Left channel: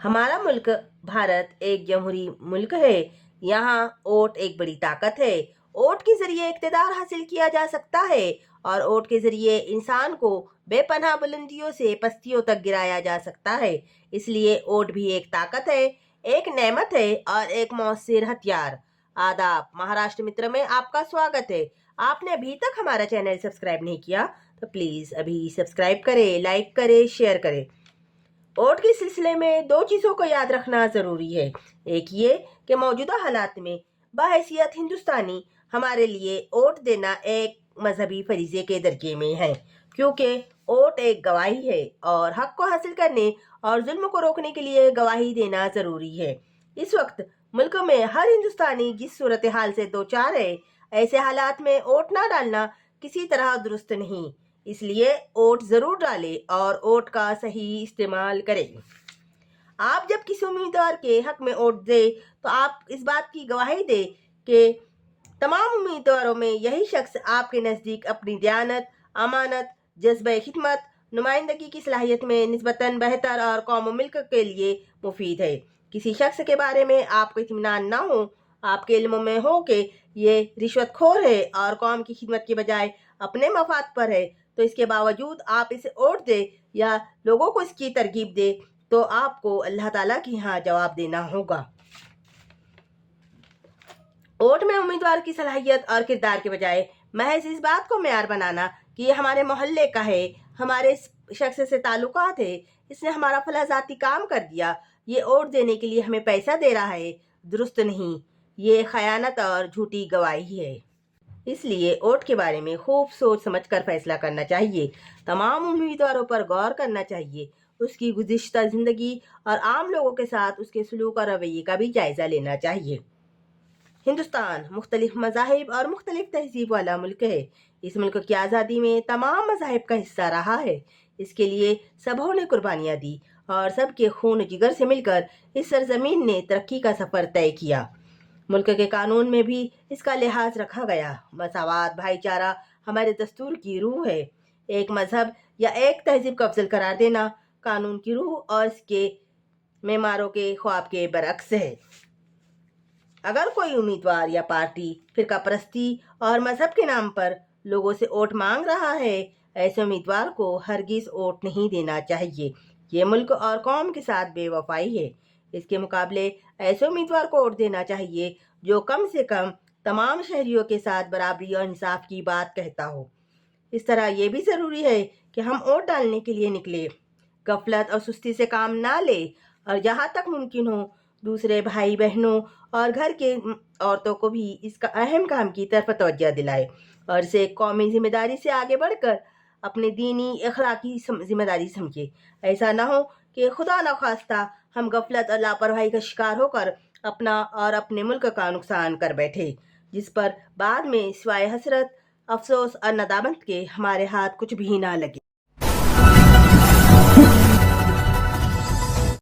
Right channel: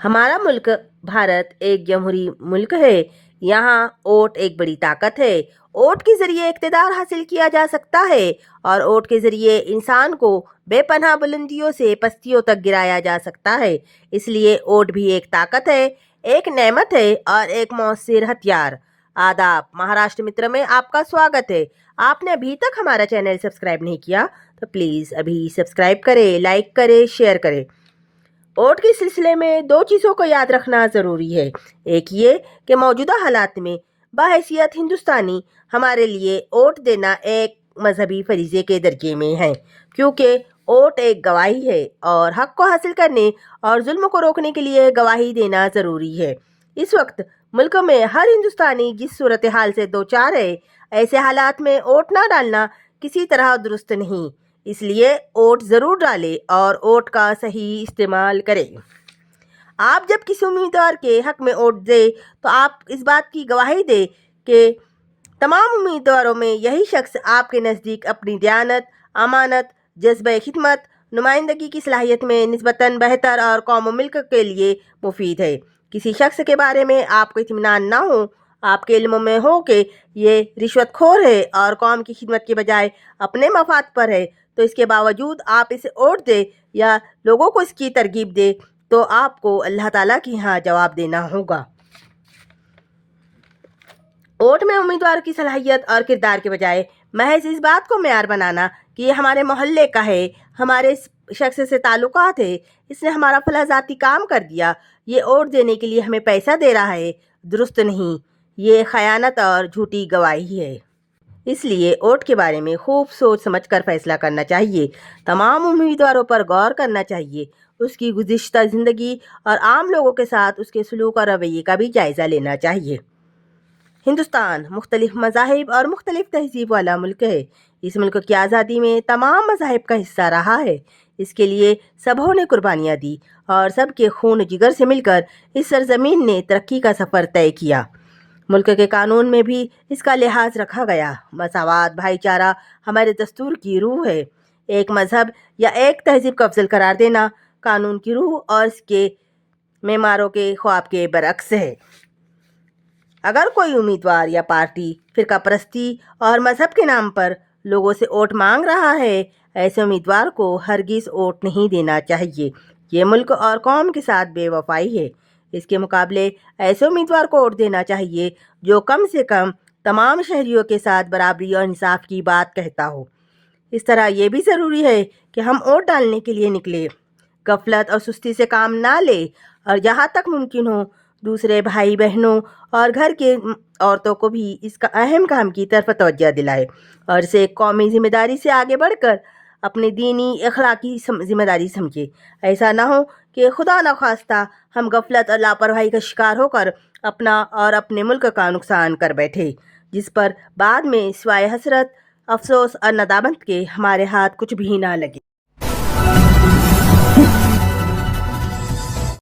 हमारा मुल्क भारत एक जमहूरी मुल्क है। यहाँ वोट एक बड़ी ताकत है। वोट के जरिए इक़्तिदार हासिल किया जा सकता है और वोट के जरिए इंसान को बेपनाह बुलंदियों से पस्तियों तक गिराया जा सकता है। इसलिए वोट भी एक ताकत है, एक नेमत है और एक मौसर हथियार। आदाब, महाराष्ट्र मित्र में आपका स्वागत है। आपने अभी तक हमारा चैनल सब्सक्राइब नहीं किया तो प्लीज़ अभी सब्सक्राइब करें, लाइक करें, शेयर करें। वोट के सिलसिले में दो चीज़ों को याद रखना ज़रूरी है। एक ये कि मौजूदा हालात में बहैसियत हिंदुस्तानी हमारे लिए वोट देना एक मजहबी फरीज़े के दर्जे में है, क्योंकि वोट एक गवाही है और हक को हासिल करने और जुल्म को रोकने के लिए गवाही देना ज़रूरी है। इस वक्त मुल्क में हर हिंदुस्तानी जिस सूरत हाल से दो चार है, ऐसे हालात में वोट ना डालना किसी तरह दुरुस्त नहीं। इसलिए वोट ज़रूर डालें और वोट का सही इस्तेमाल करें। आप जब किसी उम्मीदवार के हक में वोट दें तो आप इस बात की गवाही दें कि तमाम उम्मीदवारों में यही शख्स आपके नज़दीक अपनी दयानत, अमानत, जज्बे खिदमत, नुमाइंदगी की सलाहियत में निस्बतन बेहतर और कौम व मुल्क के लिए मुफीद है। किसी शख्स के बारे में आपको इत्मीनान ना हो, आपके इल्म में हो कि ये रिश्वतखोर है और कौम की खिदमत के बजाय अपने मफाद पर है, तो इसके बावजूद आप इसे वोट दे या लोगों को इसकी तरगीब दे, तो आपको अल्लाह ताला के यहाँ जवाब देना होगा। वोट में उम्मीदवार की सलाहियत और किरदार के बजाय महज इस बात को मेयार बनाना कि ये हमारे मोहल्ले का है, हमारे शख्स से ताल्लुकात है, इसने हमारा फला ज़ाती काम कर दिया, ये वोट देने के लिए हमें पैसा दे रहा है, दुरुस्त नहीं। ये खयानत और झूठी गवाही है। इसलिए वोट के बारे में खूब सोच समझ कर फैसला करना चाहिए। तमाम उम्मीदवारों पर गौर करना चाहिए, उसकी गुज़िश्ता ज़िंदगी और आम लोगों के साथ उसके सलूक और रवैये का भी जायज़ा लेना चाहिए। हिंदुस्तान मुख्तलिफ मज़ाहिब और मुख्तलिफ तहज़ीब वाला मुल्क है। इस मुल्क की आज़ादी में तमाम मज़ाहिब का हिस्सा रहा है। इसके लिए सबों ने कुर्बानियाँ दी और सबके खून जिगर से मिलकर इस सरजमीन ने तरक्की का सफ़र तय किया। मुल्क के कानून में भी इसका लिहाज रखा गया। मसावात, भाईचारा हमारे दस्तूर की रूह है। एक मज़हब या एक तहज़ीब को अफजल करार देना कानून की रूह और इसके मेमारों के ख्वाब के बरअक्स है। अगर कोई उम्मीदवार या पार्टी फ़िरका परस्ती और मज़हब के नाम पर लोगों से वोट मांग रहा है, ऐसे उम्मीदवार को हरगिज़ वोट नहीं देना चाहिए। ये मुल्क और कौम के साथ बेवफाई है। इसके मुकाबले ऐसे उम्मीदवार को वोट देना चाहिए जो कम से कम तमाम शहरियों के साथ बराबरी और इंसाफ की बात कहता हो। इस तरह ये भी ज़रूरी है कि हम वोट डालने के लिए निकले, गफलत और सुस्ती से काम ना ले और जहाँ तक मुमकिन हो दूसरे भाई बहनों और घर के औरतों को भी इसका अहम काम की तरफ तवज्जो दिलाए और इसे कौमी जिम्मेदारी से आगे बढ़कर अपनी दीनी अखलाकी जिम्मेदारी समझे। ऐसा ना हो कि खुदा न खास्ता हम गफलत और लापरवाही का शिकार होकर अपना और अपने मुल्क का नुकसान कर बैठे, जिस पर बाद में सिवाय हसरत, अफसोस और नदामत के हमारे हाथ कुछ भी ना लगे।